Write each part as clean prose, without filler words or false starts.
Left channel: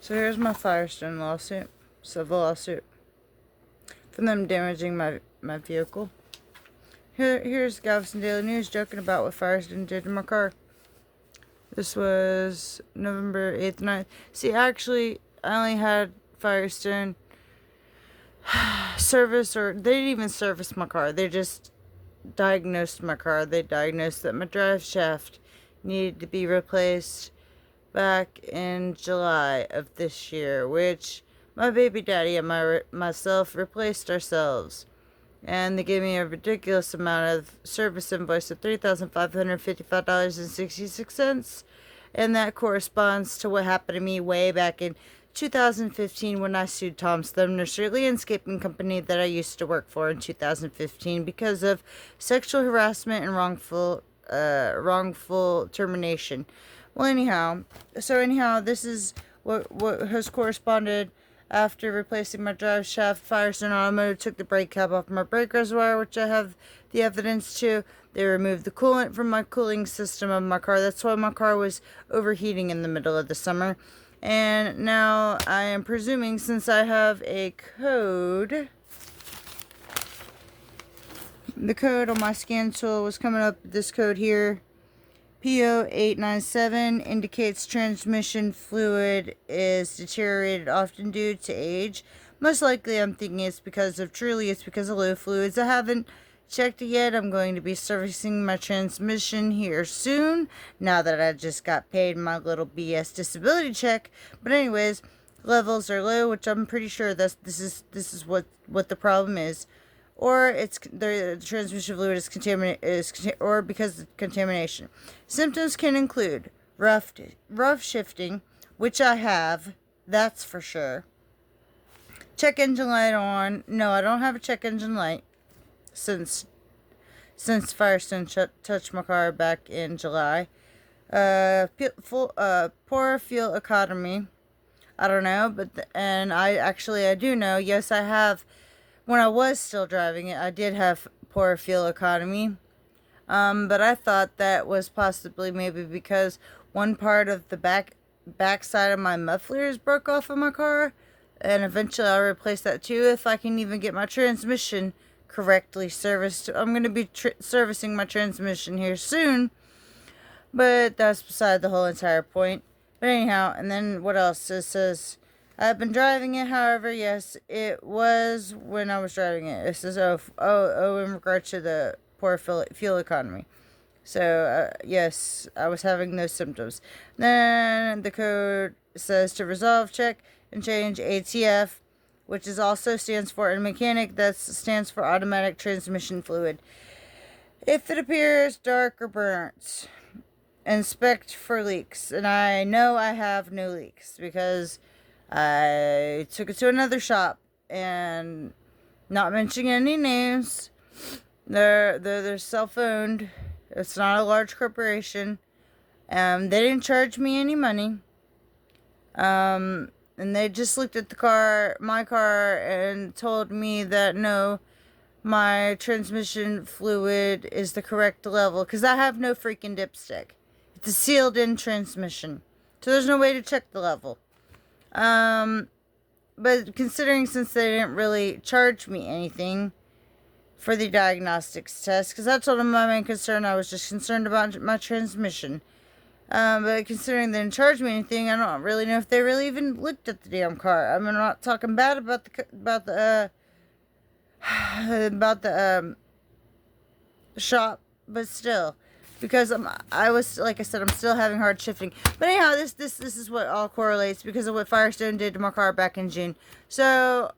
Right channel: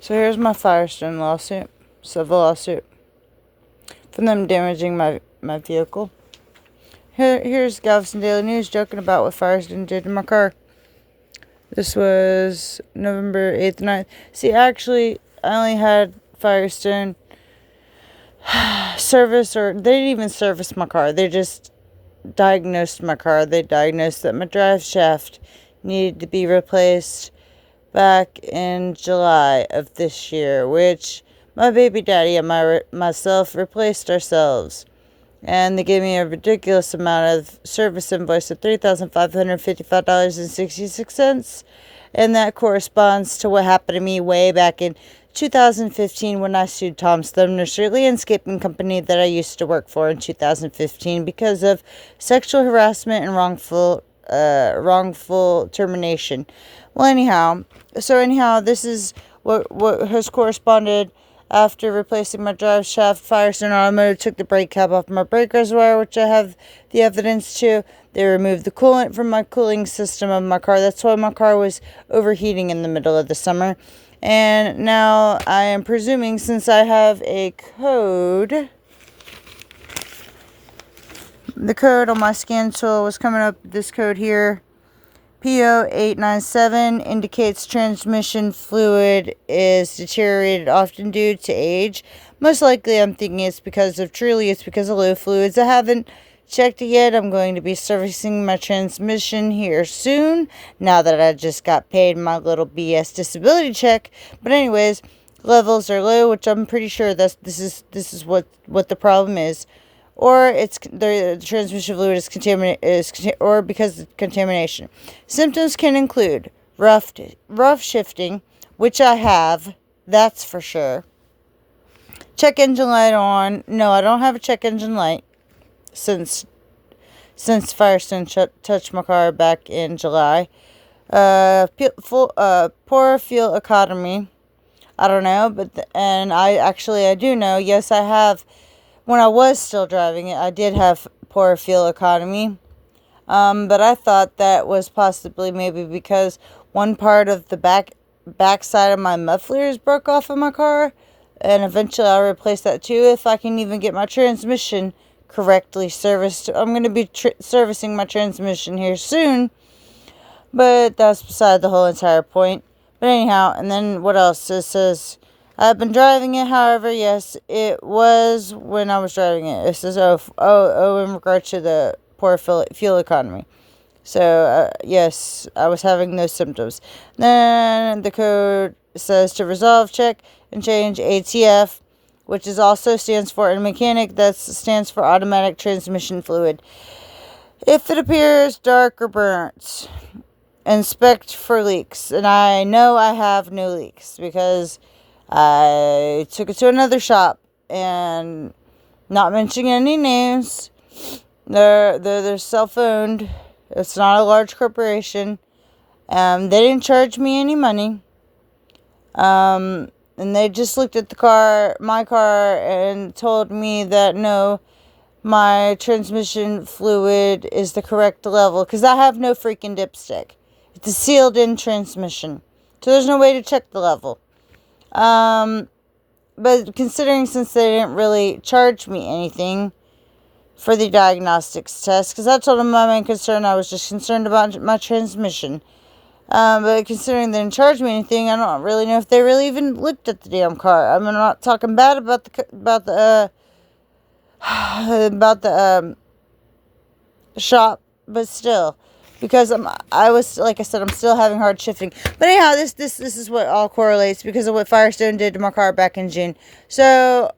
So here's my Firestone lawsuit, civil lawsuit, for them damaging my vehicle. Here's Galveston Daily News joking about what Firestone did to my car. This was November 8th, 9th. See, actually, I only had Firestone service, or they didn't even service my car. They just diagnosed my car. They diagnosed that my drive shaft needed to be replaced back in July of this year, which my baby daddy and myself replaced ourselves. And they gave me a ridiculous amount of service invoice of $3,555.66. And that corresponds to what happened to me way back in 2015 when I sued Tom's Thumb Nursery Landscaping Company that I used to work for in 2015 because of sexual harassment and wrongful termination. Well, anyhow, this is what has corresponded. After replacing my drive shaft, Firestone Automotive took the brake cap off my brake reservoir, which I have the evidence to. They removed the coolant from my cooling system of my car. That's why my car was overheating in the middle of the summer. And now I am presuming, since I have a code, the code on my scan tool was coming up, this code here, PO897, indicates transmission fluid is deteriorated often due to age. Most likely I'm thinking it's because of low fluids. I haven't checked it yet. I'm going to be servicing my transmission here soon, now that I just got paid my little BS disability check. But anyways, levels are low, which I'm pretty sure this is what the problem is. Or it's the transmission fluid is contaminated, or because of contamination. Symptoms can include rough shifting, which I have, that's for sure. Check engine light on. No, I don't have a check engine light since Firestone touched my car back in July. Poor fuel economy. I don't know, and I do know. Yes, I have. When I was still driving it, I did have poor fuel economy. But I thought that was possibly maybe because one part of the back side of my mufflers broke off of my car. And eventually I'll replace that too if I can even get my transmission correctly serviced. I'm going to be servicing my transmission here soon. But that's beside the whole entire point. But anyhow, and then what else? It says, I've been driving it, however, yes, it was when I was driving it. It says, in regard to the poor fuel economy. So, yes, I was having those symptoms. Then the code says to resolve, check, and change ATF, which is also stands for, in mechanic, that stands for automatic transmission fluid. If it appears dark or burnt, inspect for leaks. And I know I have no leaks because I took it to another shop, and not mentioning any names, they're self-owned. It's not a large corporation. They didn't charge me any money. And they just looked at my car, and told me that no, my transmission fluid is the correct level, because I have no freaking dipstick. It's a sealed-in transmission, so there's no way to check the level. But considering, since they didn't really charge me anything for the diagnostics test, because I told them my main concern, I was just concerned about my transmission. But considering they didn't charge me anything, I don't really know if they really even looked at the damn car. I mean, I'm not talking bad about the shop, but still. Because I was, like I said, I'm still having hard shifting. But anyhow, this is what all correlates because of what Firestone did to my car back in June. So,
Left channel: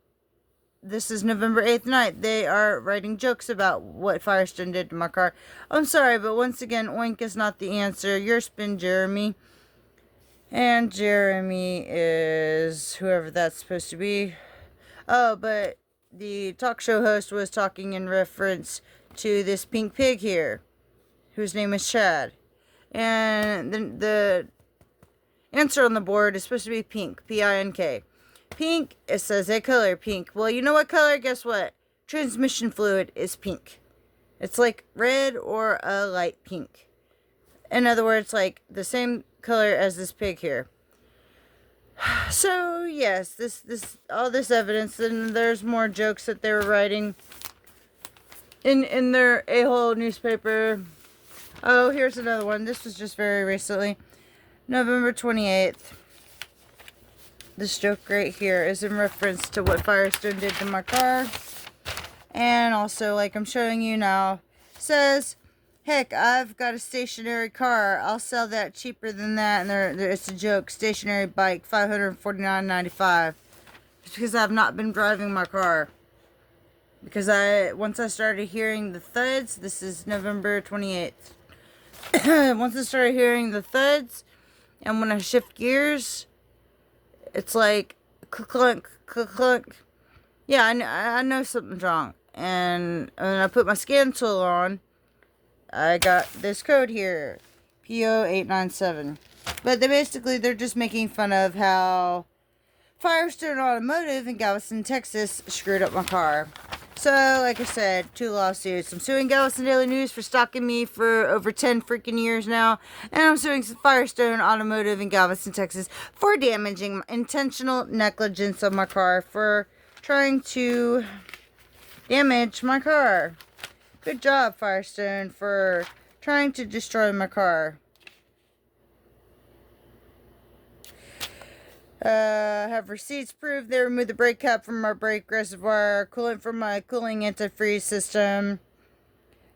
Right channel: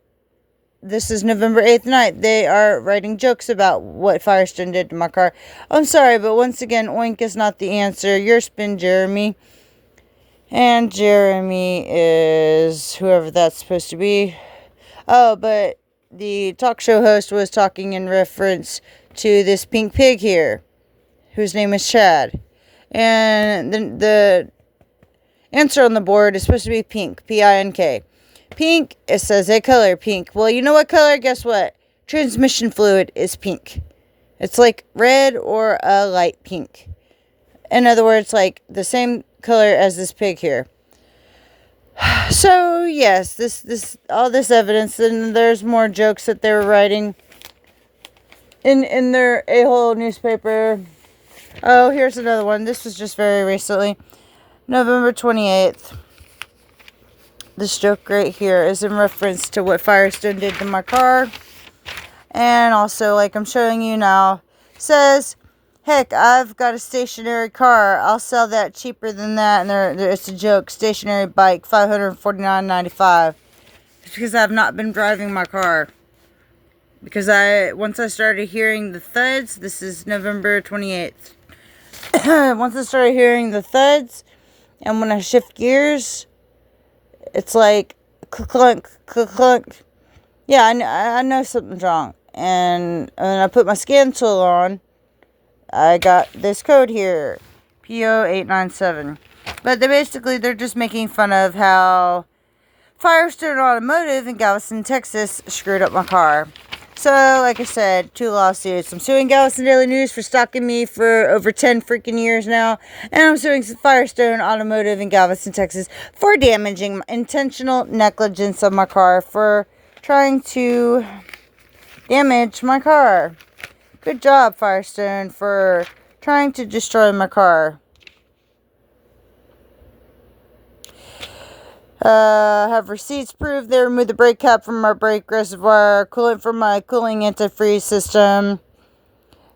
this is November 8th night. They are writing jokes about what Firestone did to my car. I'm sorry, but once again, oink is not the answer. Your spin, Jeremy. And Jeremy is whoever that's supposed to be. Oh, but the talk show host was talking in reference to this pink pig here, whose name is Chad. And the answer on the board is supposed to be pink. P-I-N-K. Pink, it says a color, pink. Well, you know what color? Guess what? Transmission fluid is pink. It's like red or a light pink. In other words, like the same color as this pig here. So yes, all this evidence, and there's more jokes that they were writing in their a-hole newspaper. Oh, here's another one. This was just very recently, November 28th. This joke right here is in reference to what Firestone did to my car. And also, like I'm showing you now, says, heck, I've got a stationary car. I'll sell that cheaper than that. And it's a joke. Stationary bike, $549.95. It's because I've not been driving my car. Because once I started hearing the thuds, this is November 28th. Once I started hearing the thuds, and when I shift gears, it's like clunk, clunk. Yeah, I know something's wrong. And when I put my scan tool on, I got this code here, PO897. But they're just making fun of how Firestone Automotive in Galveston, Texas screwed up my car. So, like I said, 2 lawsuits. I'm suing Galveston Daily News for stalking me for over 10 freaking years now. And I'm suing Firestone Automotive in Galveston, Texas for damaging intentional negligence of my car, for trying to damage my car. Good job, Firestone, for trying to destroy my car. Have receipts prove they removed the brake cap from my brake reservoir, coolant from my cooling antifreeze system.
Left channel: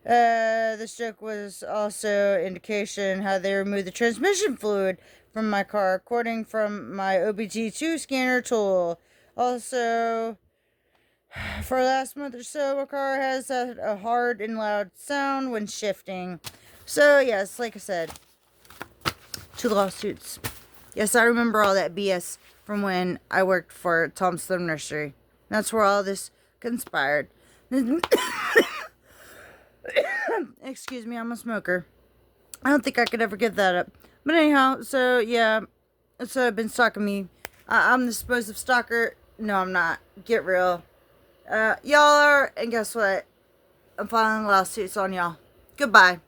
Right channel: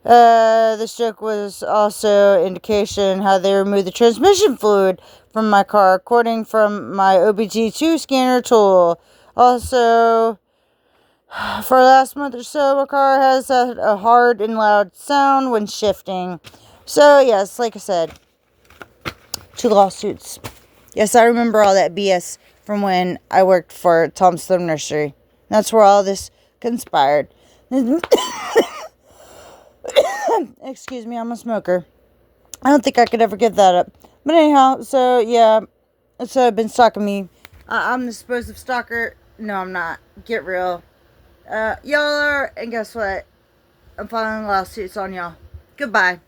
This joke was also indication how they removed the transmission fluid from my car, according from my OBG2 scanner tool. Also, for the last month or so, my car has a hard and loud sound when shifting. So, yes, like I said, 2 lawsuits. Yes, I remember all that BS from when I worked for Tom Thumb Nursery. That's where all this conspired. Excuse me, I'm a smoker. I don't think I could ever give that up. But anyhow, so yeah, so I've been stalking me. I'm the supposed stalker. No, I'm not. Get real. Y'all are, and guess what? I'm filing lawsuits on y'all. Goodbye.